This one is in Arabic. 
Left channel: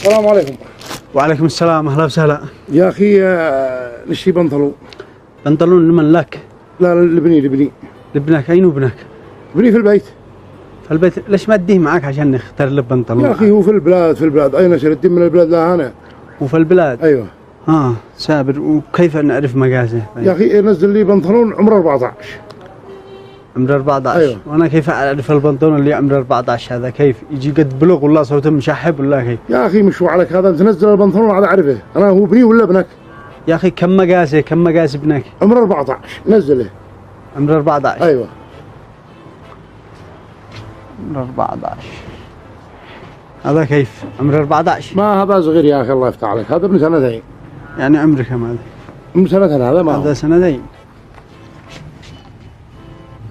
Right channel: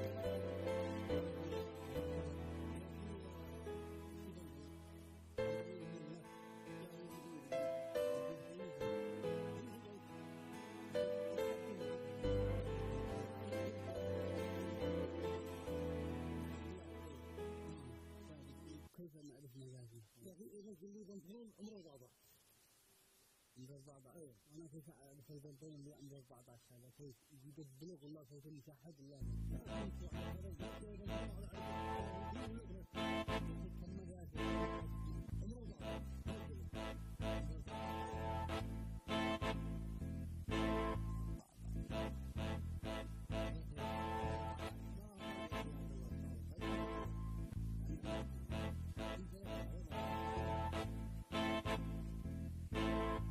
السلام عليكم. وعليكم السلام، اهلا وسهلا. يا اخي نشتري بنطلون لمن لك؟ لا لبني. لابنك؟ اين ابنك؟ ابني في البيت. في البيت؟ ليش ما تديه معك عشان نختار له بنطلون؟ يا اخي هو في البلاد اين اشتري الدين من البلاد لهنا. وفي البلاد؟ ايوه. سابر، وكيف نعرف مقاسه؟ يا اخي نزل لي بنطلون عمره 14. عمره 14؟ ايوه. وانا كيف اعرف البنطلون اللي عمره 14 هذا؟ كيف يجي قد بلغ ولا صوته مشحب ولا كيف؟ يا اخي مش عليك هذا، انت نزل البنطلون عاد اعرفه انا هو ابني ولا ابنك. يا اخي كم مقاس ابنك؟ عمره 14 نزله. عمره 14؟ ايوه. عمره 14 هذا كيف؟ عمره 14؟ ما هذا صغير يا اخي الله يفتح عليك، هذا ابن سنتين. يعني عمره كم هذا؟ ابن سنتين هذا ما هذا سنتين.